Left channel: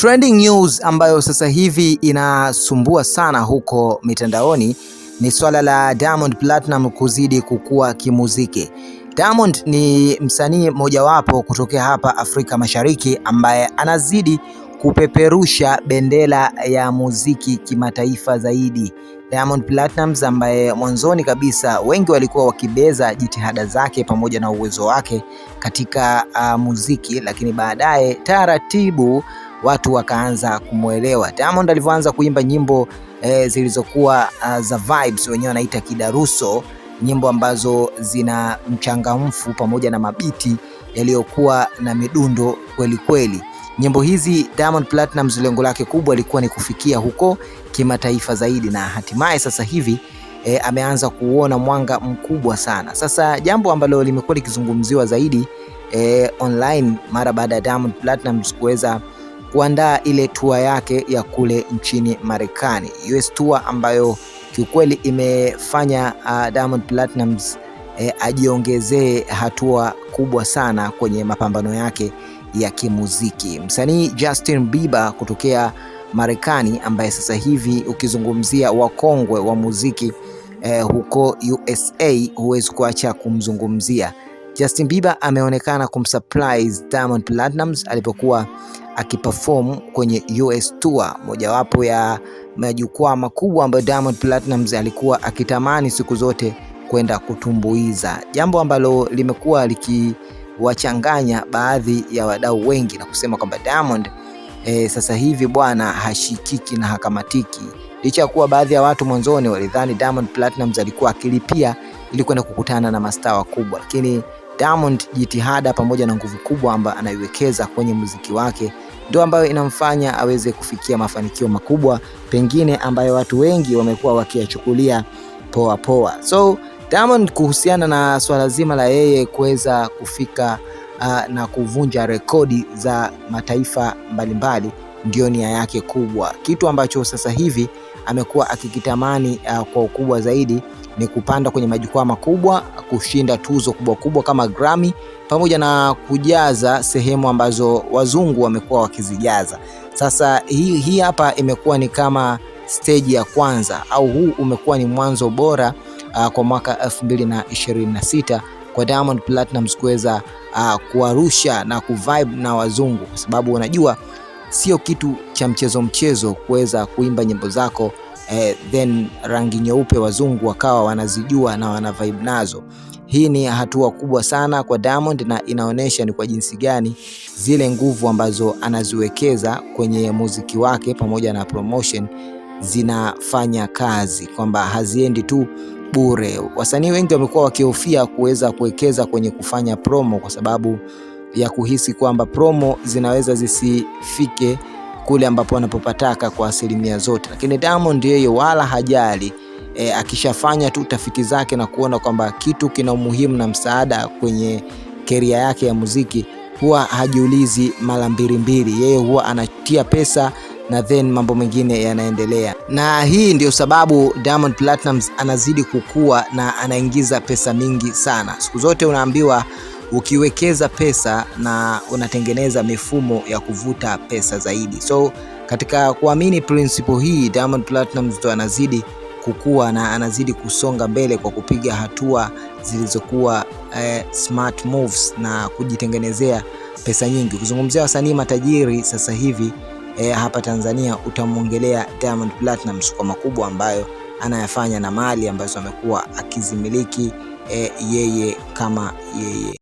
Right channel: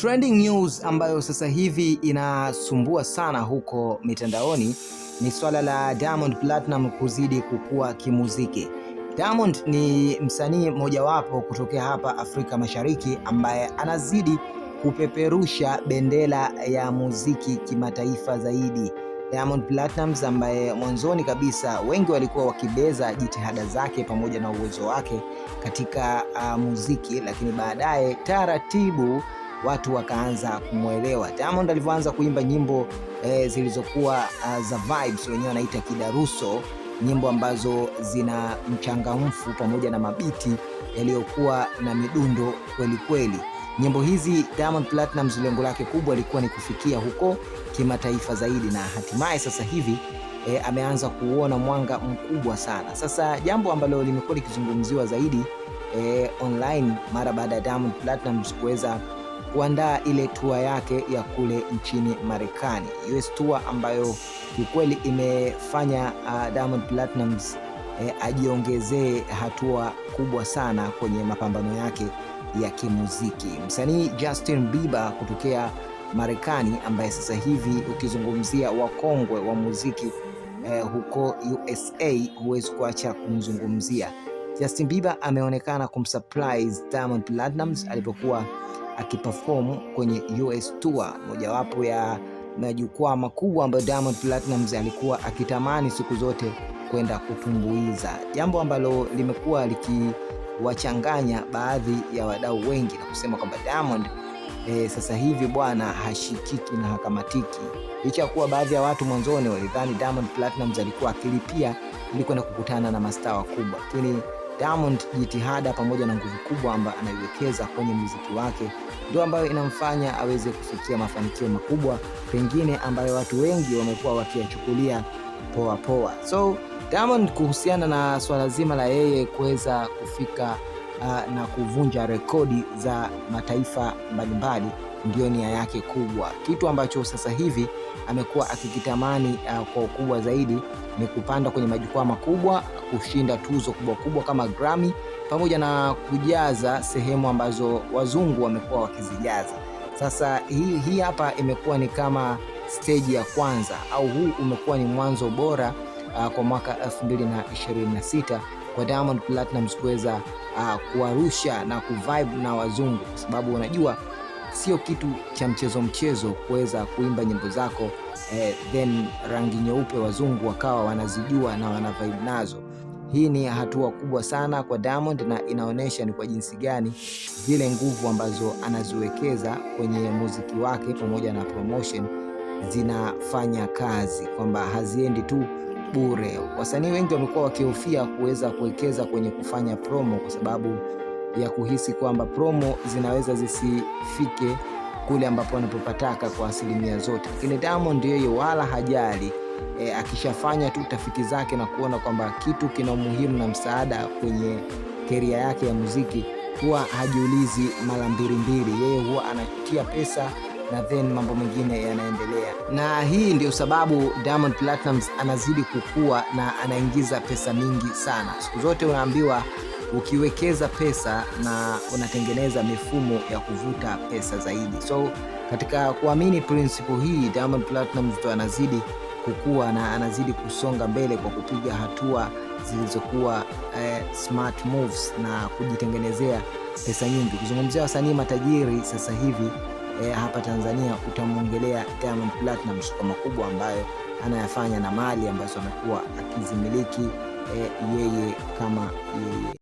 Trending news ambayo sasa hivi inasumbua sana huko mitandaoni ni swala la Diamond Platnumz kuzidi kukua kimuziki. Diamond ni msanii mojawapo kutokea hapa Afrika Mashariki ambaye anazidi kupeperusha bendera ya muziki kimataifa zaidi. Diamond Platnumz ambaye mwanzoni kabisa wengi walikuwa wakibeza jitihada zake pamoja na uwezo wake katika muziki, lakini baadaye taratibu watu wakaanza kumuelewa. Diamond alivyoanza kuimba nyimbo zilizokuwa za vibes, wenyewe wanaita kidaruso, nyimbo ambazo zina mchangamfu pamoja na mabiti yaliyokuwa na midundo kweli kweli. Nyimbo hizi Diamond Platnumz lengo lake kubwa lilikuwa ni kufikia huko kimataifa zaidi, na hatimaye sasa hivi ameanza kuona mwanga mkubwa sana. Sasa jambo ambalo limekuwa likizungumziwa zaidi online mara baada ya Diamond Platnumz kuweza kuandaa ile tour yake ya kule nchini Marekani, US tour, ambayo kiukweli imefanya Diamond Platnumz ajiongezee hatua kubwa sana kwenye mapambano yake ya kimuziki. Msanii Justin Bieber kutokea Marekani, ambaye sasa hivi ukizungumzia wakongwe wa muziki huko USA huwezi kuacha kumzungumzia. Justin Bieber ameonekana kumsurprise Diamond Platnumz alipokuwa akiperform kwenye US tour, mojawapo ya majukwaa makubwa ambayo Diamond Platnumz alikuwa akitamani siku zote kwenda kutumbuiza, jambo ambalo limekuwa likiwachanganya baadhi ya wadau wengi na kusema kwamba Diamond sasa hivi bwana hashikiki na hakamatiki, licha ya kuwa baadhi ya watu mwanzoni walidhani Diamond Platnumz alikuwa akilipia ili kwenda kukutana na mastaa wakubwa, lakini Diamond jitihada pamoja na nguvu kubwa ambayo anaiwekeza kwenye muziki wake ndio ambayo inamfanya aweze kufikia mafanikio makubwa, pengine ambayo watu wengi wamekuwa wakiyachukulia poa poa. So Diamond, kuhusiana na swala zima la yeye kuweza kufika na kuvunja rekodi za mataifa mbalimbali, ndio nia yake kubwa. Kitu ambacho sasa hivi amekuwa akikitamani kwa ukubwa zaidi ni kupanda kwenye majukwaa makubwa, kushinda tuzo kubwa kubwa kama Grammy, pamoja na kujaza sehemu ambazo wazungu wamekuwa wakizijaza. Sasa hii hapa imekuwa ni kama stage ya kwanza, au huu umekuwa ni mwanzo bora kwa mwaka 2026 kwa Diamond Platnumz kuweza kuarusha na kuvibe na wazungu, kwa sababu unajua sio kitu cha mchezo kuweza kuimba nyimbo zako then rangi nyeupe wazungu wakawa wanazijua na wana vibe nazo. Hii ni hatua kubwa sana kwa Diamond, na inaonyesha ni kwa jinsi gani zile nguvu ambazo anaziwekeza kwenye muziki wake pamoja na promotion zinafanya kazi, kwamba haziendi tu bure. Wasanii wengi wamekuwa wakihofia kuweza kuwekeza kwenye kufanya promo kwa sababu ya kuhisi kwamba promo zinaweza zisifike kule ambapo wanapopataka kwa asilimia zote, lakini Diamond yeye wala hajali. Akishafanya tu tafiti zake na kuona kwamba kitu kina umuhimu na msaada kwenye career yake ya muziki, huwa hajiulizi mara mbili. Yeye huwa anatia pesa na then mambo mengine yanaendelea, na hii ndio sababu Diamond Platnumz anazidi kukua na anaingiza pesa mingi sana. Siku zote unaambiwa ukiwekeza pesa na unatengeneza mifumo ya kuvuta pesa zaidi. So katika kuamini principle hii, Diamond Platnumz ndo anazidi kukua na anazidi kusonga mbele kwa kupiga hatua zilizokuwa smart moves na kujitengenezea pesa nyingi. Ukizungumzia wasanii matajiri sasa hivi hapa Tanzania, utamwongelea Diamond Platnumz kwa makubwa ambayo anayafanya na mali ambazo amekuwa akizimiliki yeye kama yeye.